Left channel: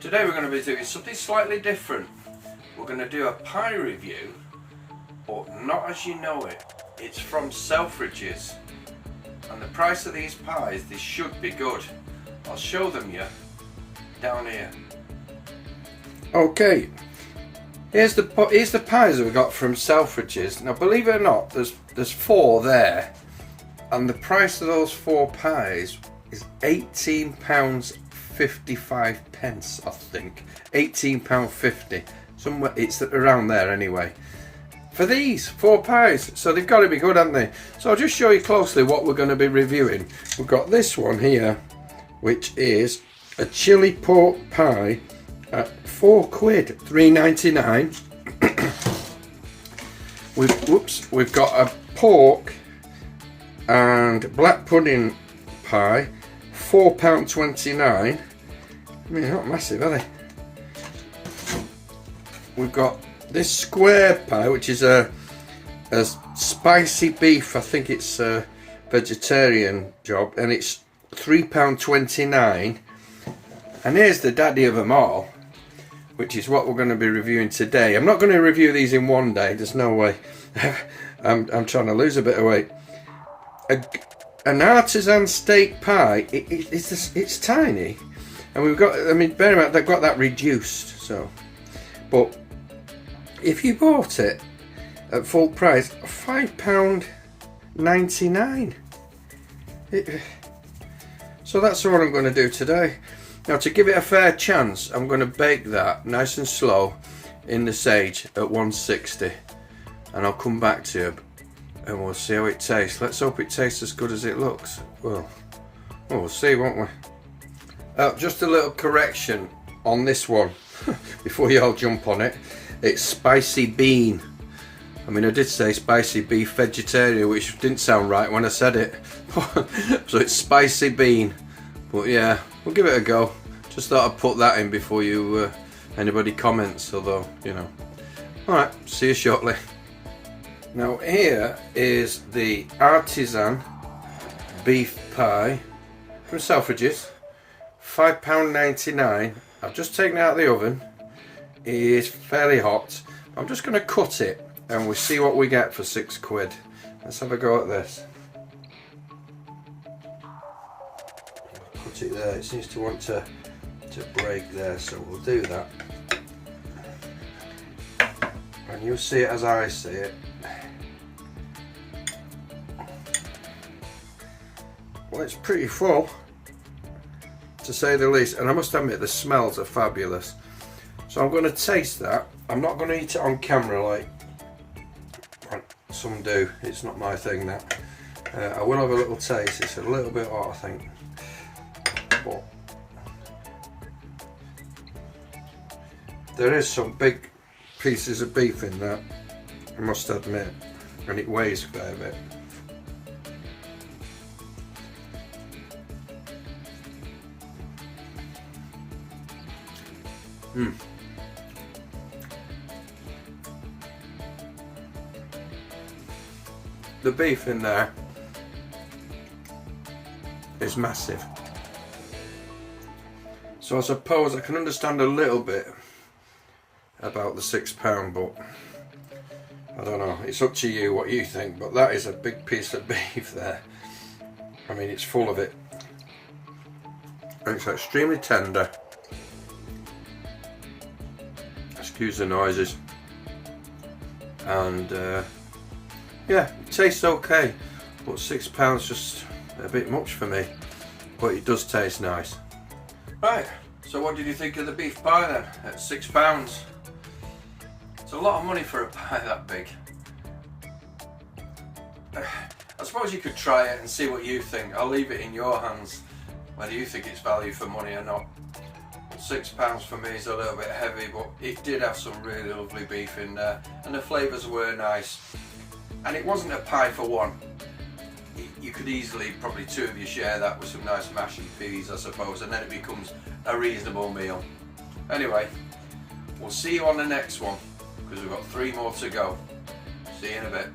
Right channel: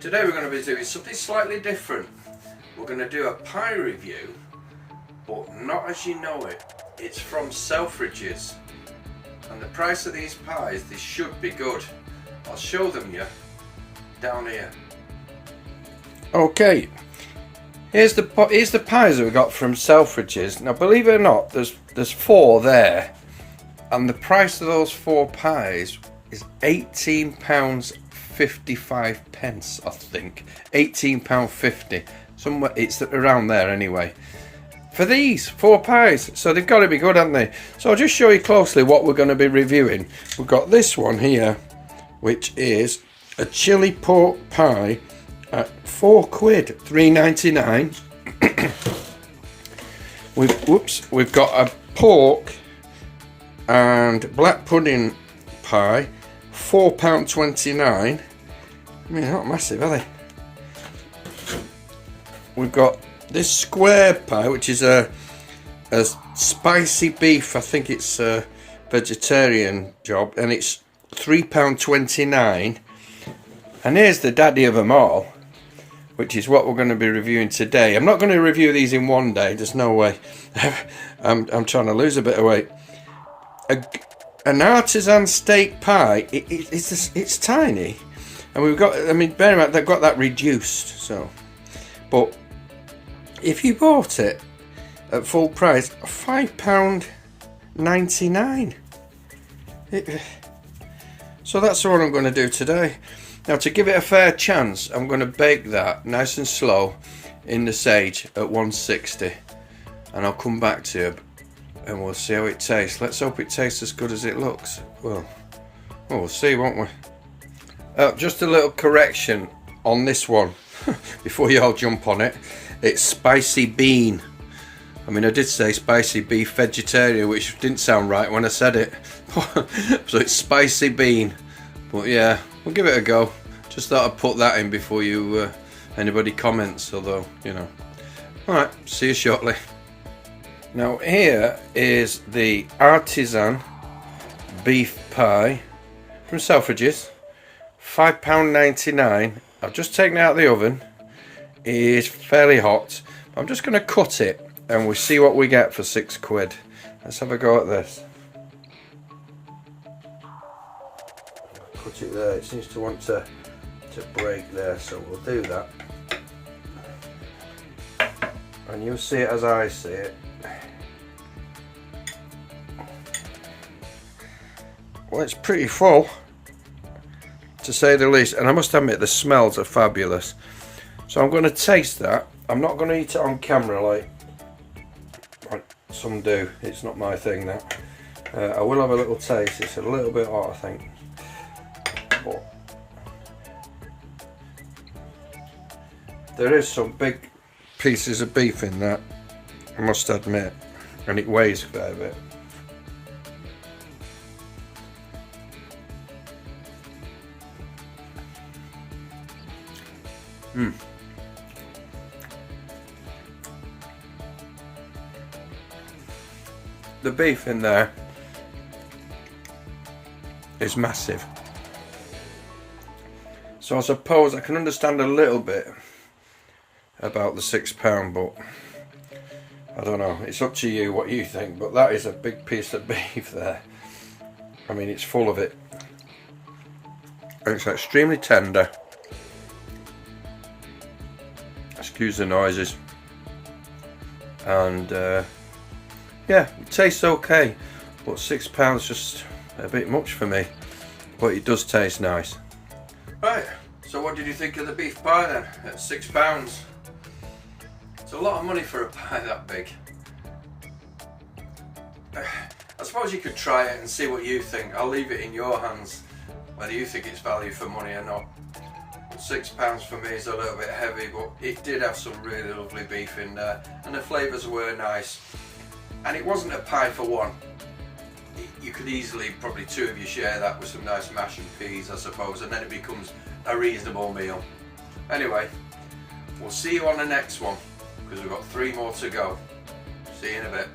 Today we're going to be doing something slightly different. We're going to do a pie review, but not as you know it. It's from Selfridges, and the price of these pies, they should be good. I'll show them you down here. Okay, here's the pies that we got from Selfridges. Now believe it or not, there's 4 there, and the price of those 4 pies is £18.55, I think. £18.50, somewhere, it's around there anyway. For these 4 pies, so they've got to be good, haven't they? So I'll just show you closely what we're going to be reviewing. We've got this one here, which is a chili pork pie at £4, £3.99. We've got a pork and black pudding pie, £4.29. I mean, they're not massive, are they? We've got this square pie, which is a spicy beef. I think it's a vegetarian job, and it's £3.29. And here's the daddy of them all, which is what we're going to be reviewing today. I'm not going to review these in one day. There's no way. I'm trying to lose a bit of weight. An Artisan steak pie. It's tiny, and we've got. I mean, bear in mind they've got that reduced. So, but if you bought it at full price, £5.99. So that's what I'm going to do today. Now, to give it a fair chance, I'm going to bake that nice and slow in the sage at 160, and I'll come back to you and we'll see how it tastes. Let's hope it tastes as good as it looks. Well, we'll see, won't we? Just a little correction on this one before you all jump on it. It's spicy bean. I mean, I did say spicy beef vegetarian, which didn't sound right when I said it. So it's spicy bean. But yeah, we'll give it a go. Just thought I'd put that in before you anybody comments, although, you know. Alright, see you shortly. Now here is the Artisan beef pie from Selfridges. £5.99. I've just taken it out of the oven. It is fairly hot. I'm just going to cut it and we'll see what we get for £6. Let's have a go at this. Put it there. It seems to want to break there, so we'll do that. And you'll see it as I see it. Well, it's pretty full, to say the least, and I must admit the smells are fabulous. So I'm going to taste that. I'm not going to eat it on camera like some do. It's not my thing, that. I will have a little taste. It's a little bit hot, I think. But there is some big pieces of beef in that, I must admit, and it weighs a fair bit. The beef in there is massive. So I suppose I can understand a little bit about the £6, but I don't know. It's up to you what you think, but that is a big piece of beef there. I mean, it's full of it. And it's extremely tender. Excuse the noises. And yeah, it tastes okay, but £6 just a bit much for me, but it does taste nice. Right, so what did you think of the beef pie then at £6? It's a lot of money for a pie that big. I suppose you could try it and see what you think. I'll leave it in your hands whether you think it's value for money or not. £6 for me is a little bit heavy, but it did have some really lovely beef in there, and the flavours were nice. And it wasn't a pie for one. You could easily, probably 2 of you share that with some nice mash and peas, I suppose, and then it becomes a reasonable meal. Anyway, we'll see you on the next one, because we've got 3 more to go. See you in a bit.